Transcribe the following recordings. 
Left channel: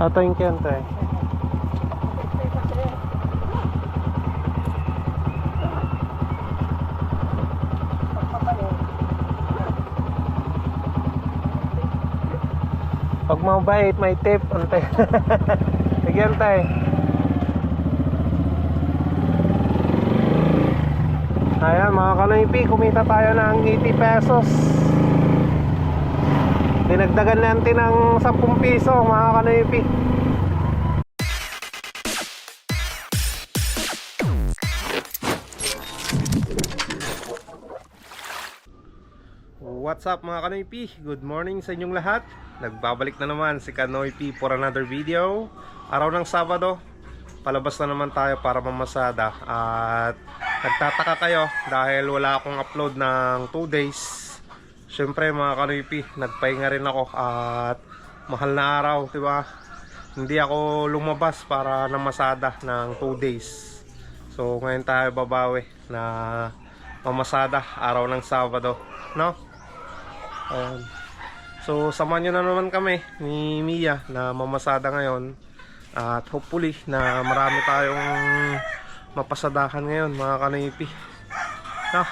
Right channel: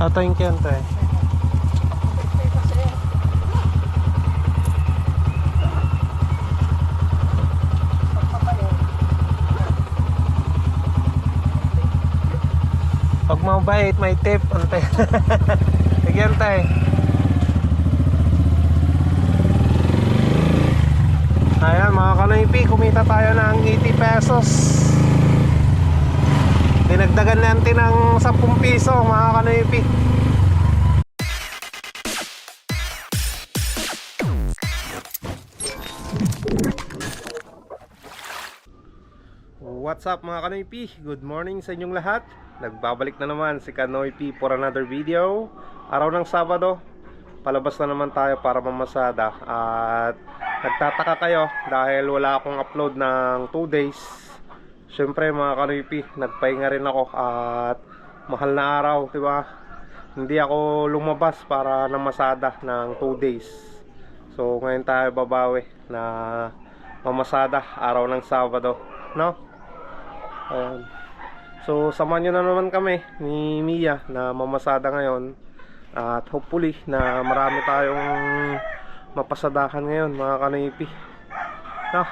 Thank you, ante. Pag mabait, may tip, ante. Sige, ante. Ayan mga kanoypi, kumita tayo ng 80 pesos. Dinagdagan natin ng 10 piso mga kanoypi. What's up mga kanoypi? Good morning sa inyong lahat. Nagbabalik na naman si Kanoypi for another video. Araw ng Sabado, palabas na naman tayo para mamasada. At nagtataka kayo dahil wala akong upload ng 2 days. Syempre mga kanoypi, nagpahinga rin ako at mahal na araw, diba? Hindi ako lumabas para namasada ng 2 days. So ngayon tayo babawi na mamasada araw ng Sabado, no? Ayan. So samahan nyo na naman kami ni Mia na mamasada ngayon. At hopefully na marami tayong mapasadahan ngayon mga kanoypi, no?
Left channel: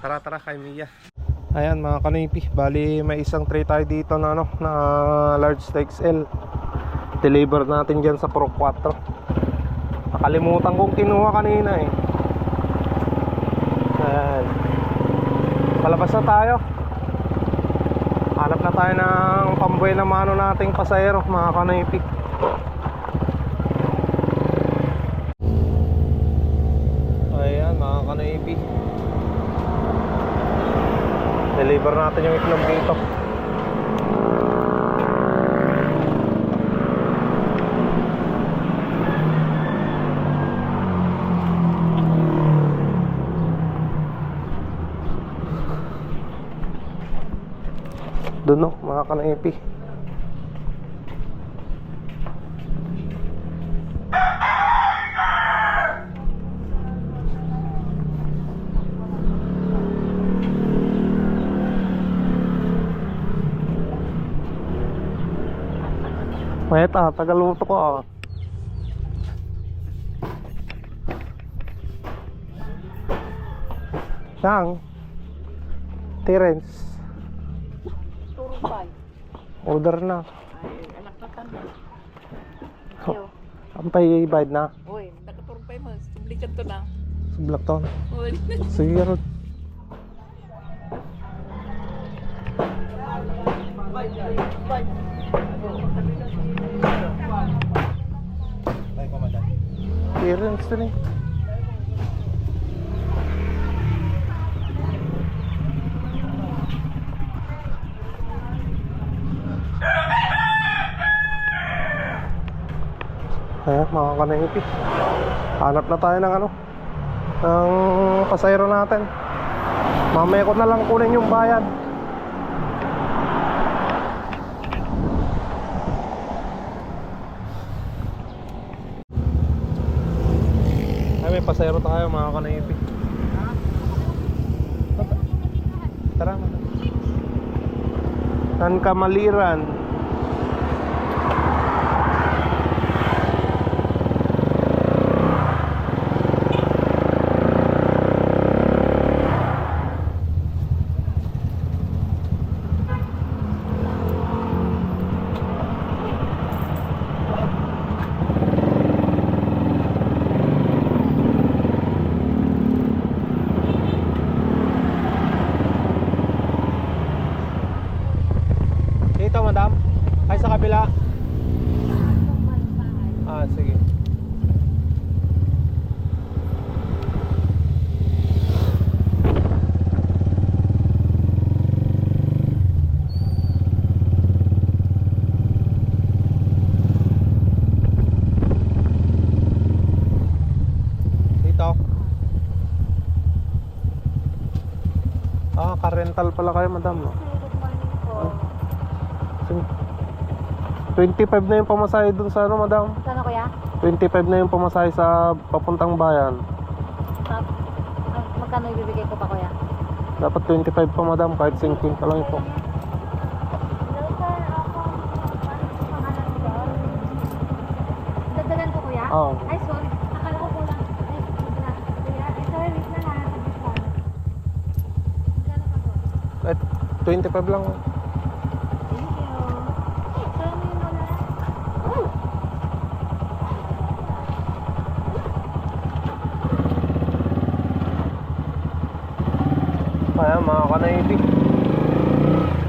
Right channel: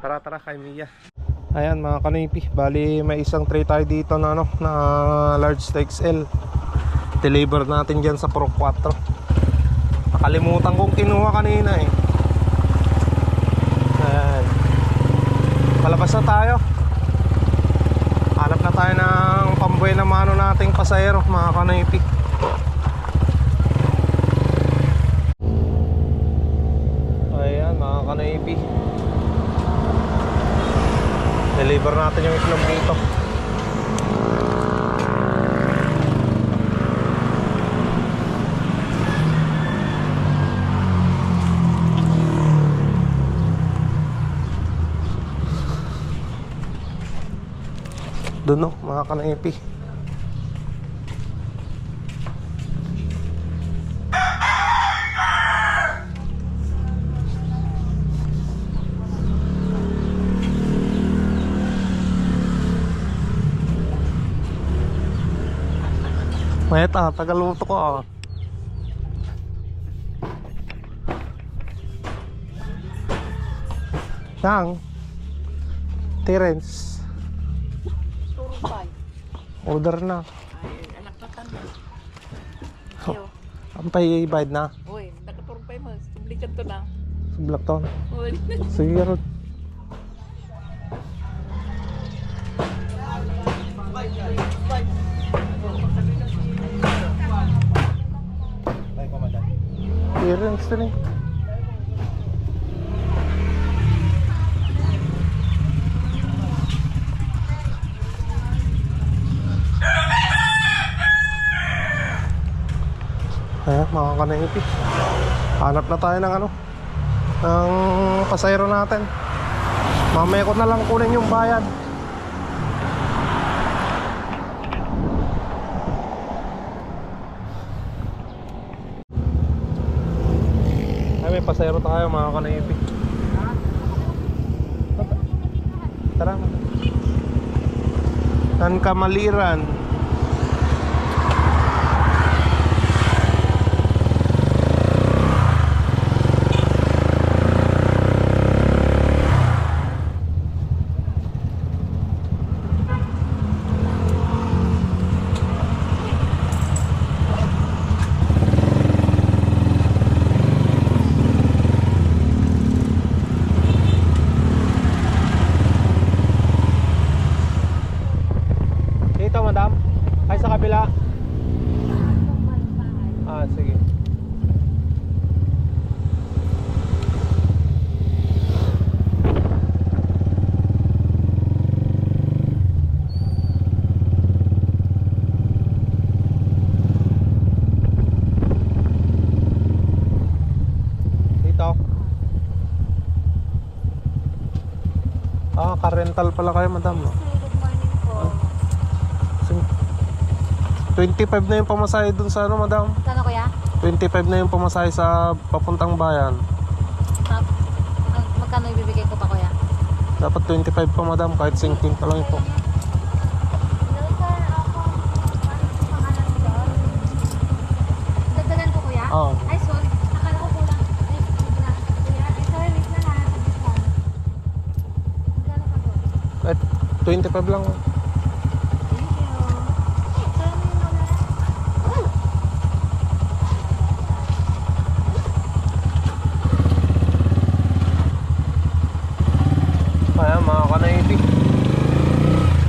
Tara tara kay Mia. Ayan mga kanoypi, bali may isang tray tayo dito na ano, na large XL. Deliver natin dyan sa Pro 4. Nakalimutan kong kinuha kanina eh. Ayan, palabas na tayo. Hanap na tayo ng pambuhay na mano nating pasahero mga kanoypi. Ayan mga kanoypi, deliver natin yung itlog dito. Doon no mga kanoypi. Meta, tagaluto ko ah. Nang Terence Turupay. order na. Ay, anak na tanda. Ampay bayad na. Uy, nakaturupay mo. Sublikan to na. Sublak to. Uy. Sige ron. Terence to rin. Ayan mga kanoypi, hanap na tayo ng ano, ng pasahero natin. Mamaya ko na lang kunin yung bayad. Ay, may pasahero tayo mga kanoypi. Tara, Tan Kamaliran. Dito madam? Ay sa kabila? Ah sige. Dito? Ah, ka-rental pala kayo madam, no? 25 na yung pamasahe dun sa ano madam? Kano kuya? 25 na yung pamasahe sa papuntang bayan. Magkano ibibigay ko pa kuya? Dapat 25 pa madam, kahit 50 lang ito. 25 lang. Ayan mga ka-Navy,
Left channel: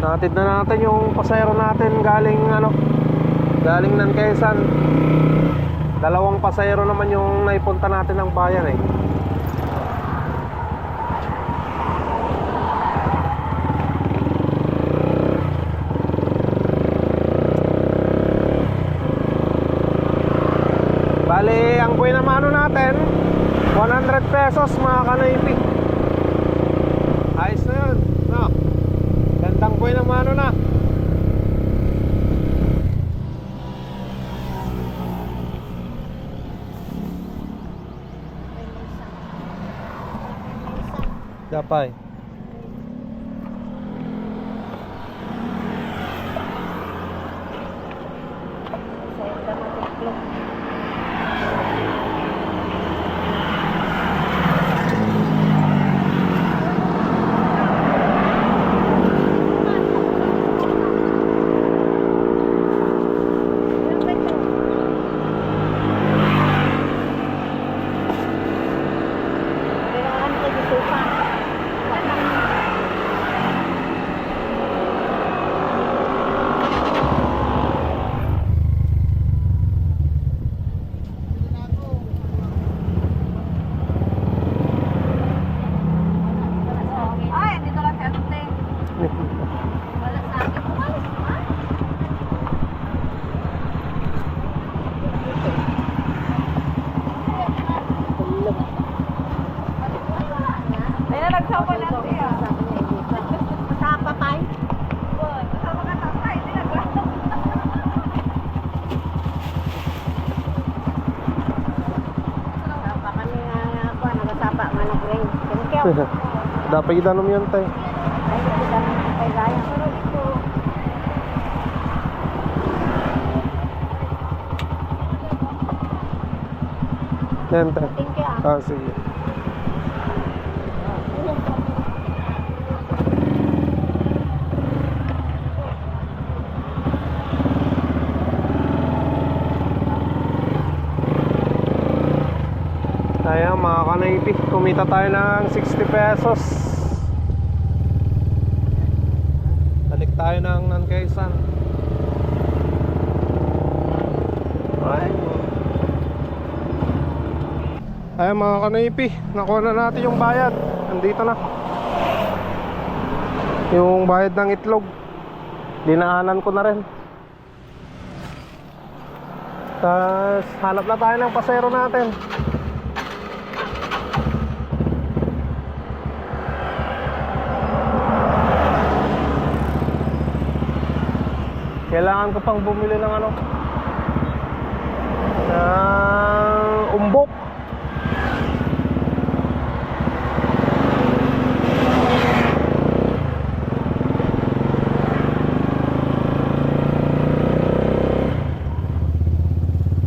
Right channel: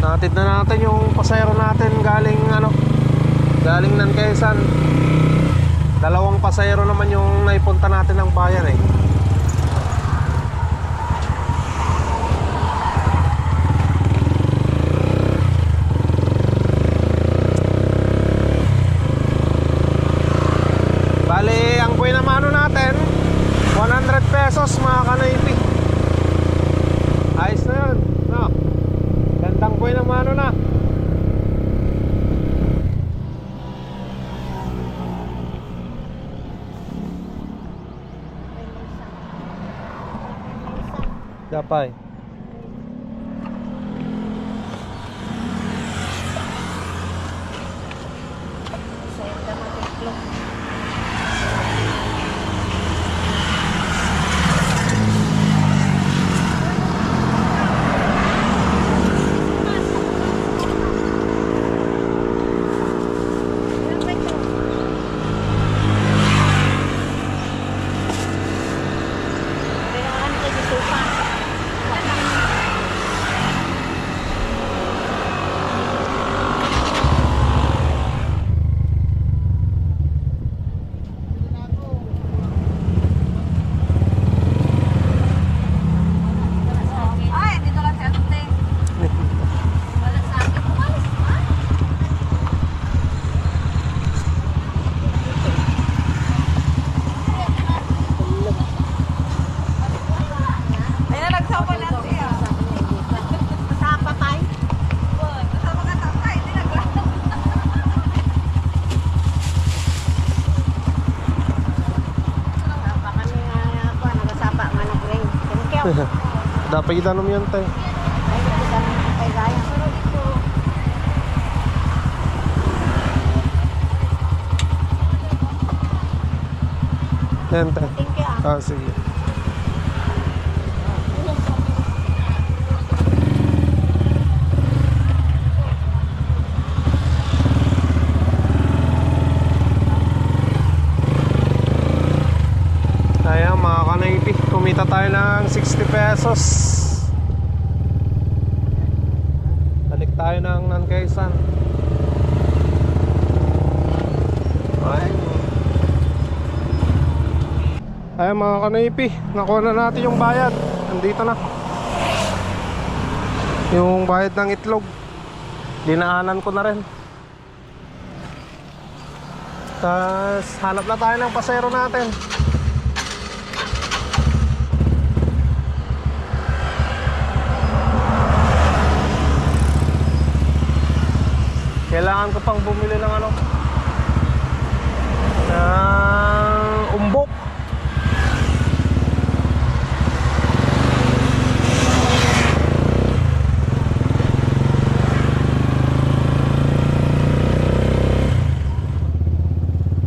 natid na natin yung pasayro natin galing galing ng Quezon. Dalawang pasayro naman yung naipunta natin ng bayan eh. Bali, ang buhay na mano natin 100 pesos mga ka-Navy. Ayos na yun, no? Gandang buhay na mano na. Dapay. Dapat kita nom yan tay. Yan tay. Ah, sige. Ayan mga ka-Navy, kumita tayo ng 60 pesos. Balik tayo ng Quezon. Ayan mga ka-Navy, nakuha na natin yung bayad. Nandito na yung bayad ng itlog. Dinaanan ko na rin. Tapos hanap na tayo ng pasero natin. Kailangan ko pang bumili ng ng umbok.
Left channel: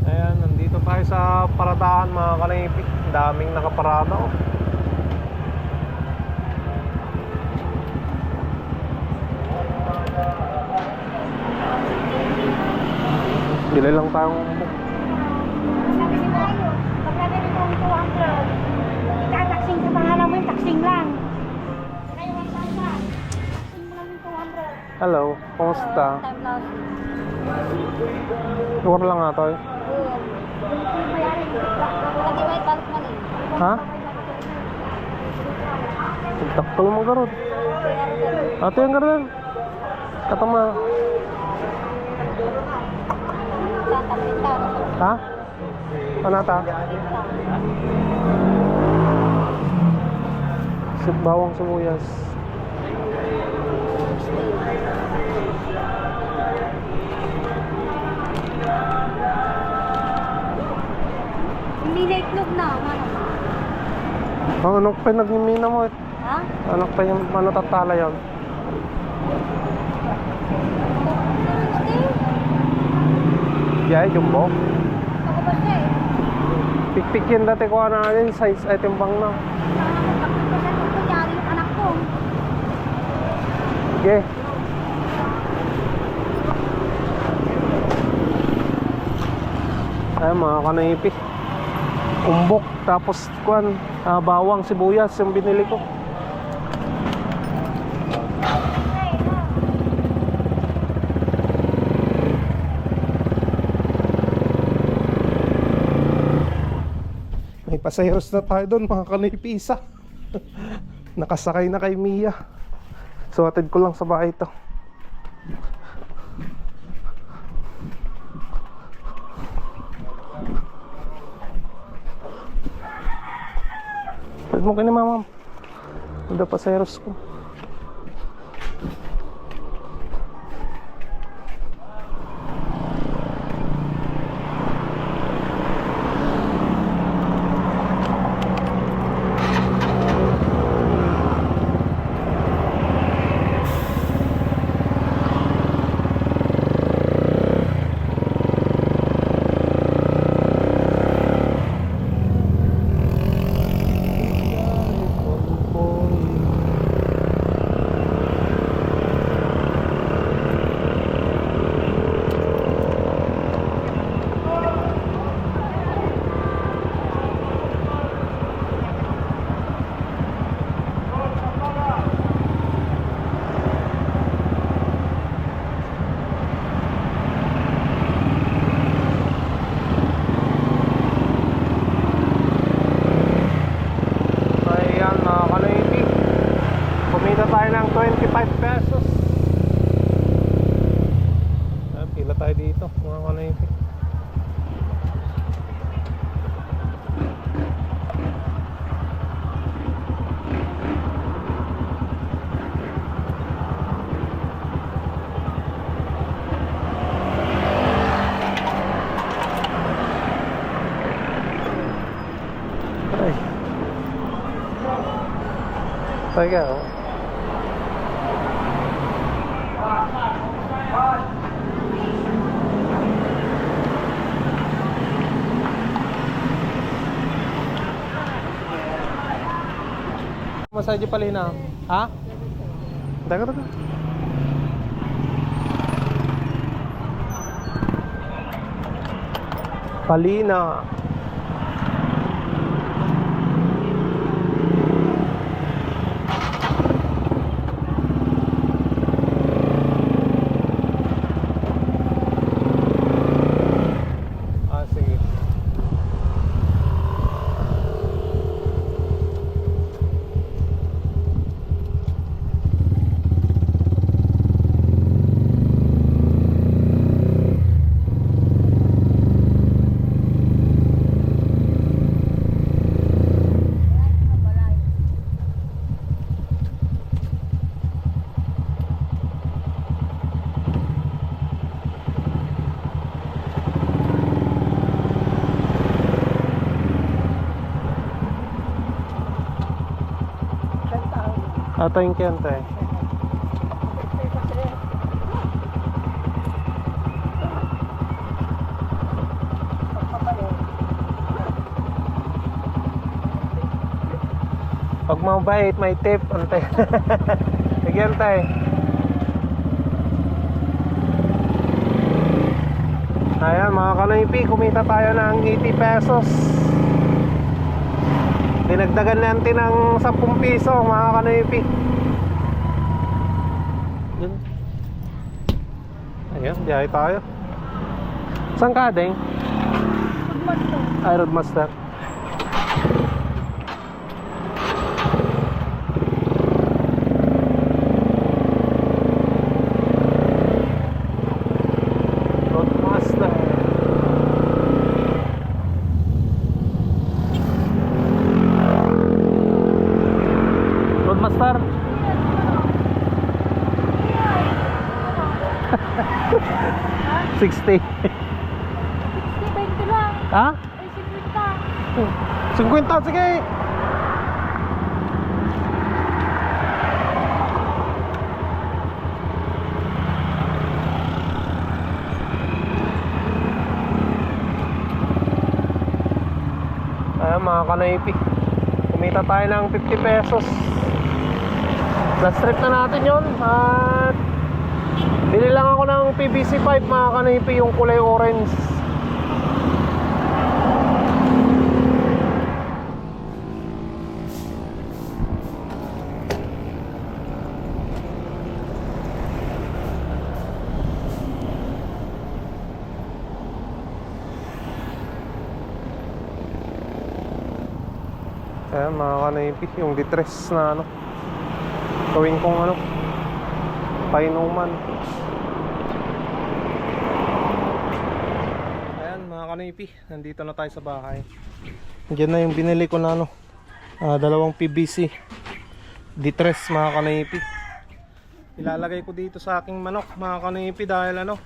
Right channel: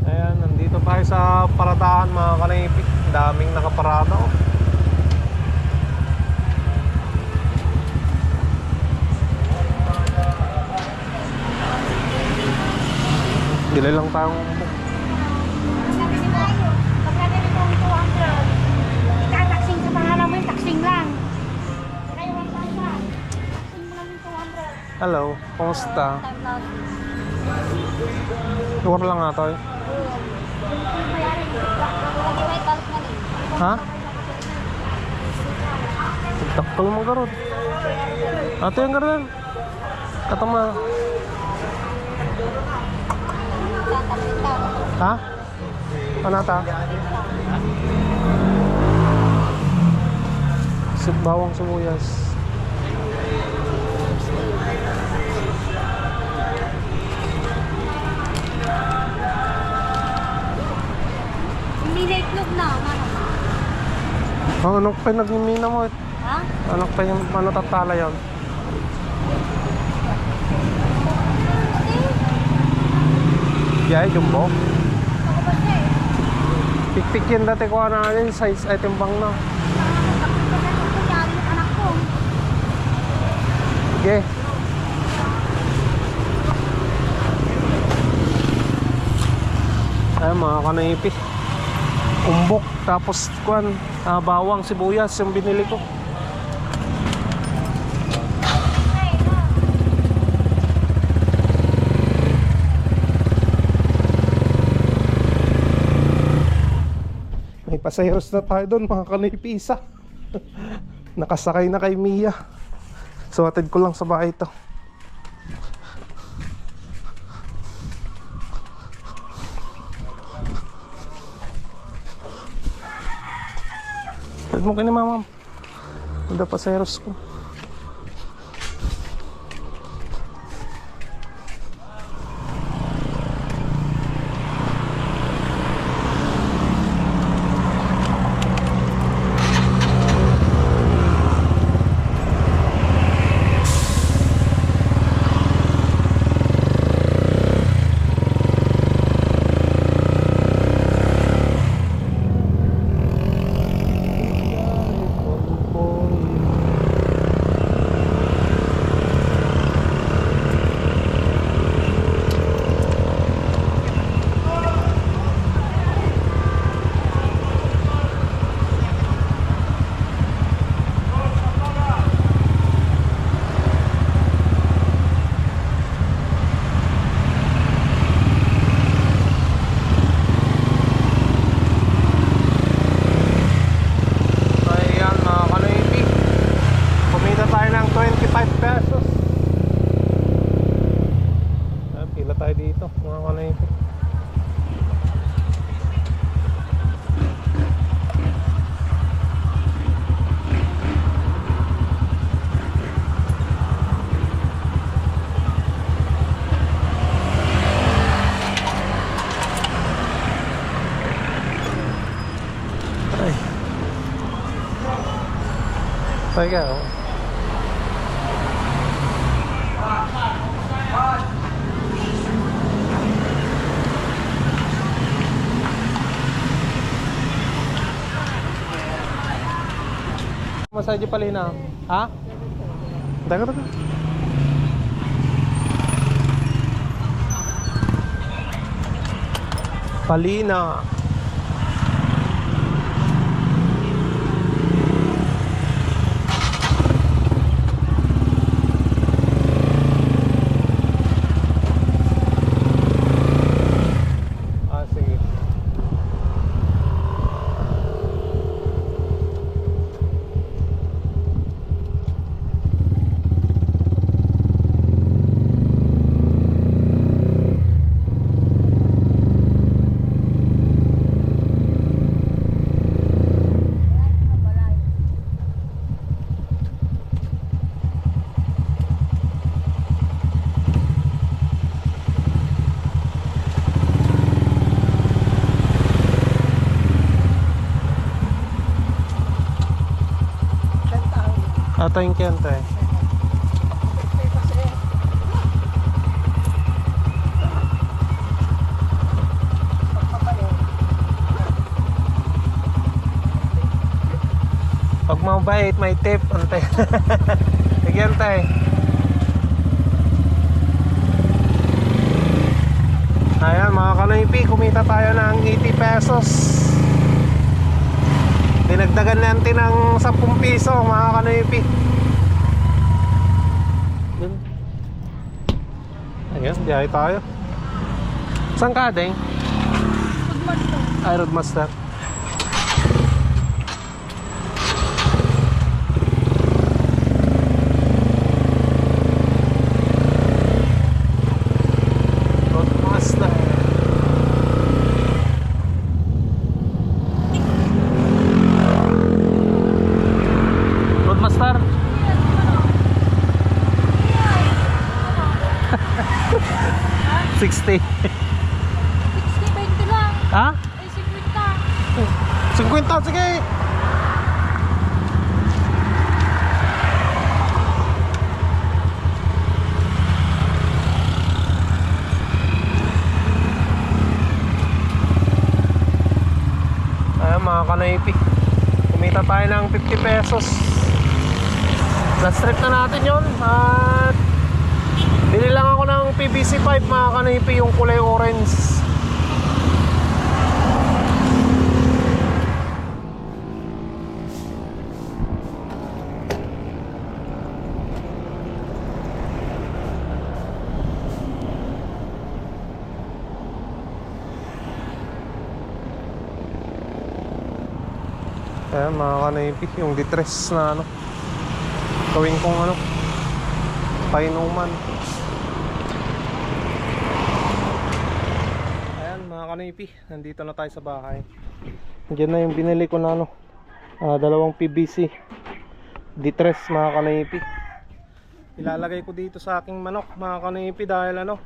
Ayan, nandito tayo sa paradahan mga ka-Navy. Daming nakaparada oh. Bili lang tayong umbok. Pagkakit itong 200. Kataksing sa pangalan mo yung taksing lang. Kaya 1,000. Taksing mo lang yung 200. Hello, kumusta? Lugar lang nga tayo. Ha? Taktal mo garod. Ato yung garod. Katama. Ha? Ano ta? Bawang sibuyas. Hindi na itlog na, ano? Ano pa yung nagmimina mo? Ha? Ano pa yung tatala yun? Yeah, jumbo. Ako ba siya eh? Pikpik yan dati ko na yun, size item bang na. Kunyari yung anak ko. Sige. Ay mga kanaypi. Umbok tapos kuan, bawang, sibuyas yung binili ko. May pasaheros na tayo doon mga kanaypi, isa. Nakasakay na kay Mia. So atid ko lang sa bahay ito. Atid mo kayo ni mama. Hindi pasaheros ko. Kaya oh. Masaje palina. Ha? Daga daga. Palina. Ato yung kente. Pag mabait, may tip. Ante. Nagyan tayo. Ayan mga kanaypi, kumita tayo ng 80 pesos. Dinagdagan natin ng 10 piso mga kanaypi. Ayan, biyahe tayo. Saan ka, Deng? Ay, Roadmaster. Roadmaster. 60. 60, 20 lang. Ha? Ay, 50. 50, sige. Ayan mga kanaypi, kumita tayo ng 50 pesos. Na-strip na natin yon. At bili lang ako ng PVC pipe mga kanipi, yung kulay orange. Ayan mga kanipi, yung distress na ano, gawin kong ano, painuman. Ayan mga kanipi, nandito na tayo sa bahay. Diyan na yung binili ko na ano, dalawang PVC distress mga kanipi. Ilalagay ko dito sa aking manok mga kanipi dahil ano,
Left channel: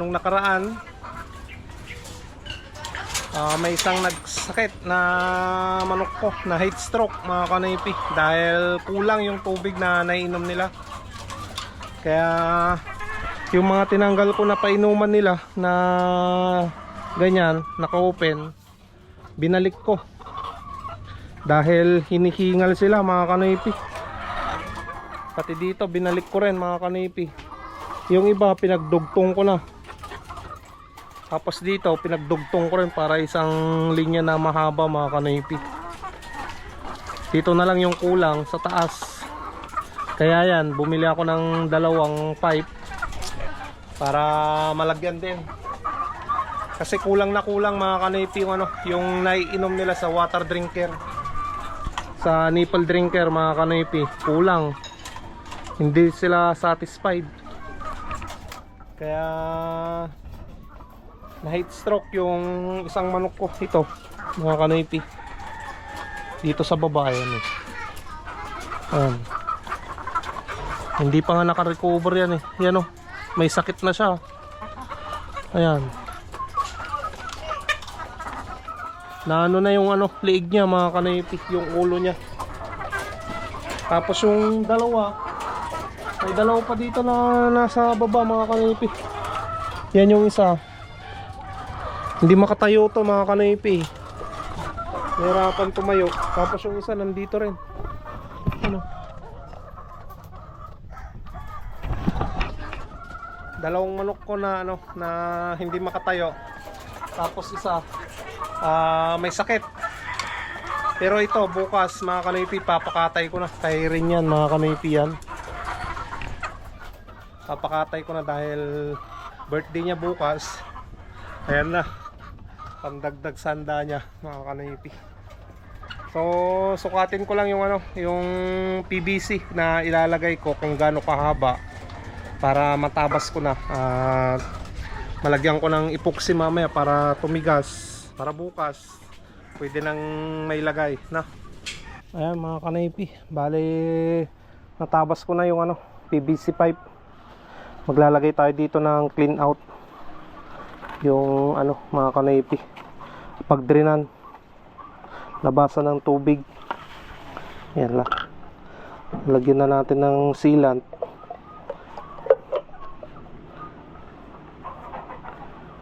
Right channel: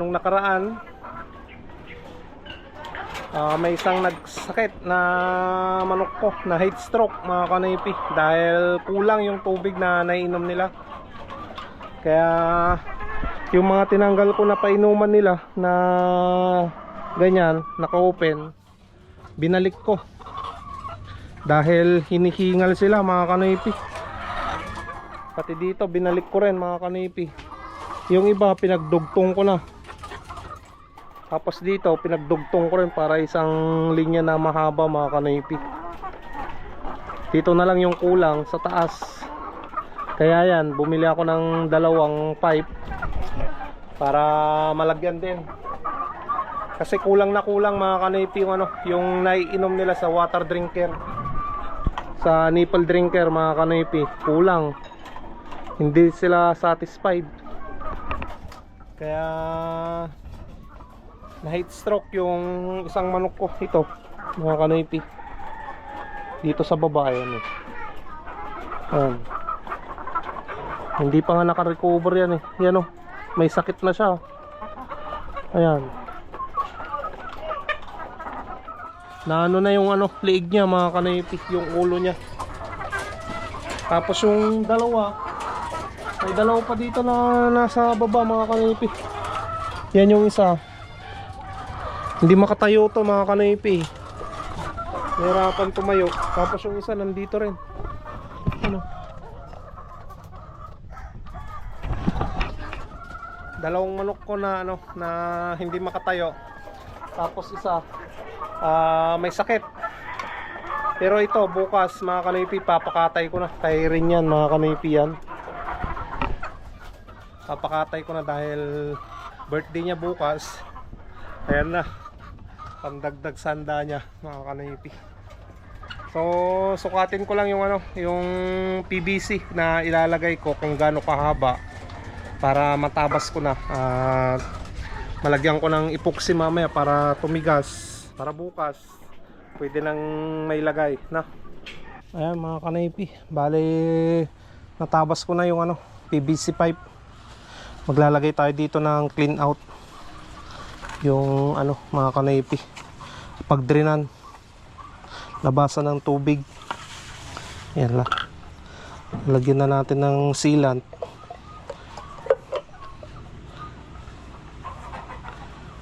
nung nakaraan may isang nagsakit na manok ko na heat stroke mga kanipi dahil kulang yung tubig na naiinom nila. Kaya yung mga tinanggal ko na painuman nila na ganyan, naka-open, binalik ko dahil hinihingal sila mga kanipi. Pati dito binalik ko rin mga kanipi. Yung iba pinagdugtong ko na. Tapos dito pinagdugtong ko rin para isang linya na mahaba mga kanipi. Dito na lang yung kulang sa taas. Kaya yan, bumili ako ng dalawang pipe para malagyan din. Kasi kulang na kulang mga kanipi yung ano, yung naiinom nila sa water drinker. Sa nipple drinker mga kanipi, kulang. Hindi sila satisfied. Kaya na heat stroke yung isang manok ko. Ito mga kanipi, dito sa baba yan eh. Ayan. Hindi pa nga naka-recover yan eh. Yan oh, may sakit na siya. Ayan, na ano na yung ano, liig niya mga kanipi, yung ulo niya. Tapos yung dalawa, may dalawa pa dito na nasa baba mga kanipi. Yan yung isa, hindi makatayo to mga kanipi, nahirapan tumayo. Tapos yung isa nandito rin. Ano, dalawang manok ko na ano, na hindi makatayo. Tapos isa may sakit. Pero ito bukas mga kanipi, papakatay ko na. Kaya rin yan mga kanipi yan, papakatay ko na dahil birthday niya bukas. Ayan na, pandagdag sanda niya mga kanipi. So sukatin ko lang yung ano, yung PVC na ilalagay ko kung gaano kahaba para matabas ko na. Malagyan ko ng epoxy mamaya para tumigas, para bukas pwede nang may lagay na. Ayan mga kanipi, bali natabas ko na yung ano, PVC pipe. Maglalagay tayo dito ng clean out, yung ano mga kanipi, pagdrenan, labasan ng tubig. Yan lang, lagyan na natin ng sealant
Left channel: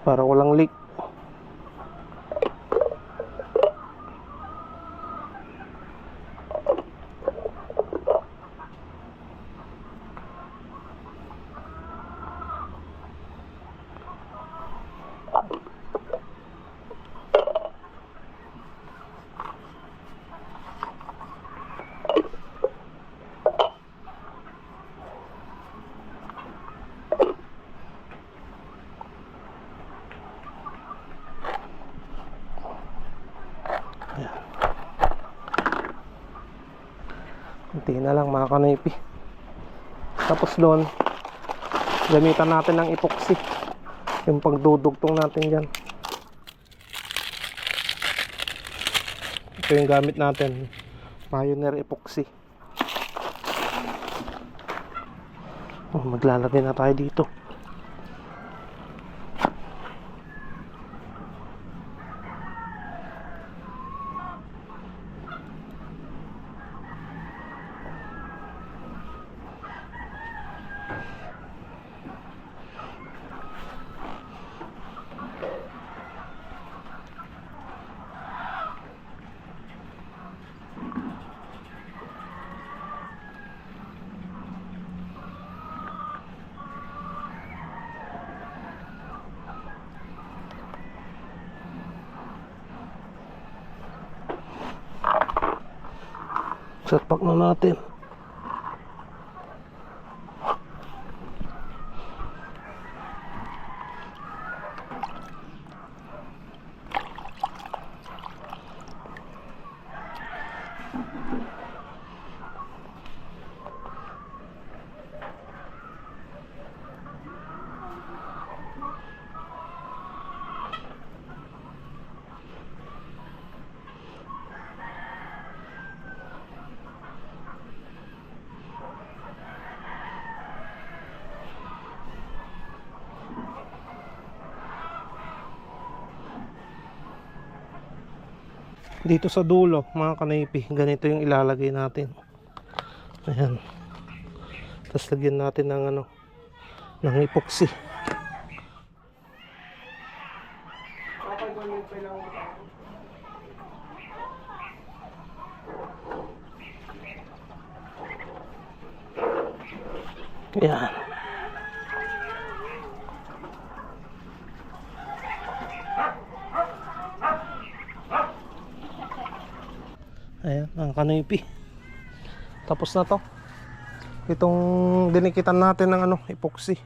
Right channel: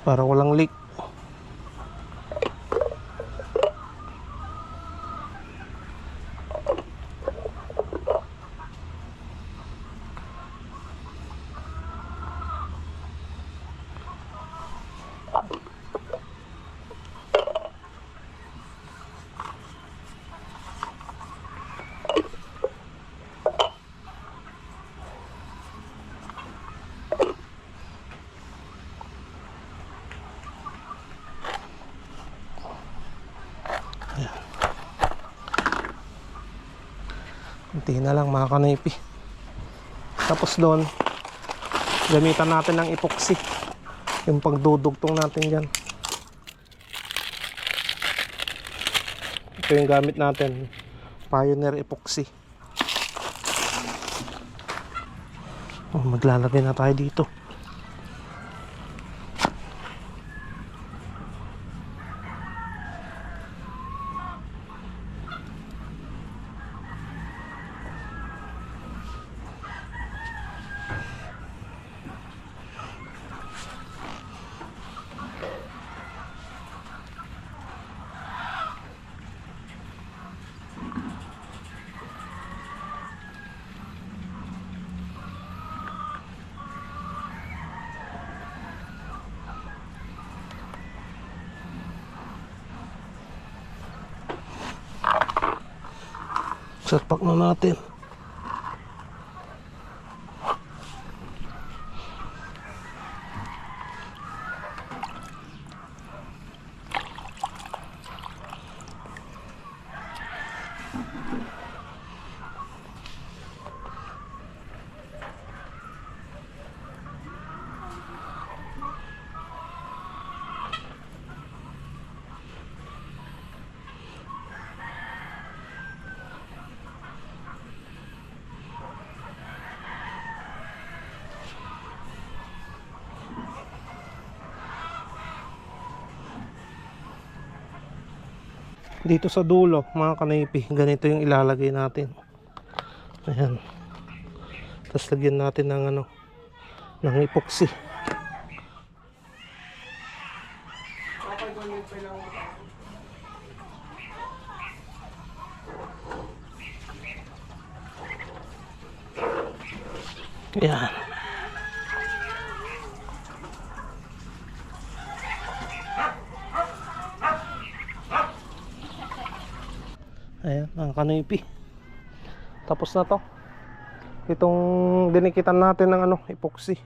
para walang leak. Kunti na lang mga kanipi. Tapos doon gamitan natin ng epoxy, yung pagdudugtong natin dyan. Ito yung gamit natin, Pioneer epoxy. Maglalagay na tayo dito. Salpak na natin. Dito sa dulo mga kanaypi, ganito yung ilalagay natin. Ayan. Tapos lagyan natin ng ano, ng epoxy. Ayan. Ayan, ang kanipi. Tapos na to. Itong dinikitan natin ng ano, epoxy.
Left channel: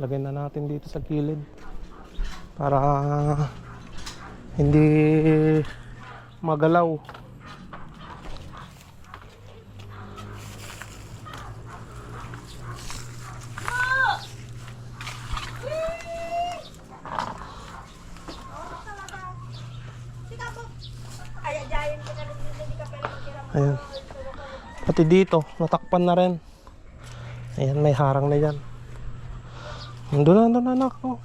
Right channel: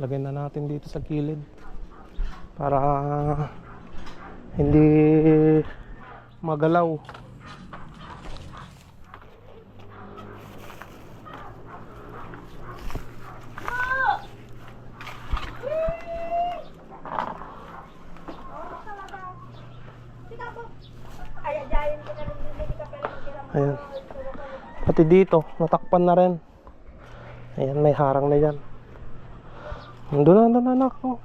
Lagyan na natin dito sa gilid para hindi magalaw. Ayan. Pati dito, natakpan na rin. Ayan, may harang na yan. Nandun na anak ko.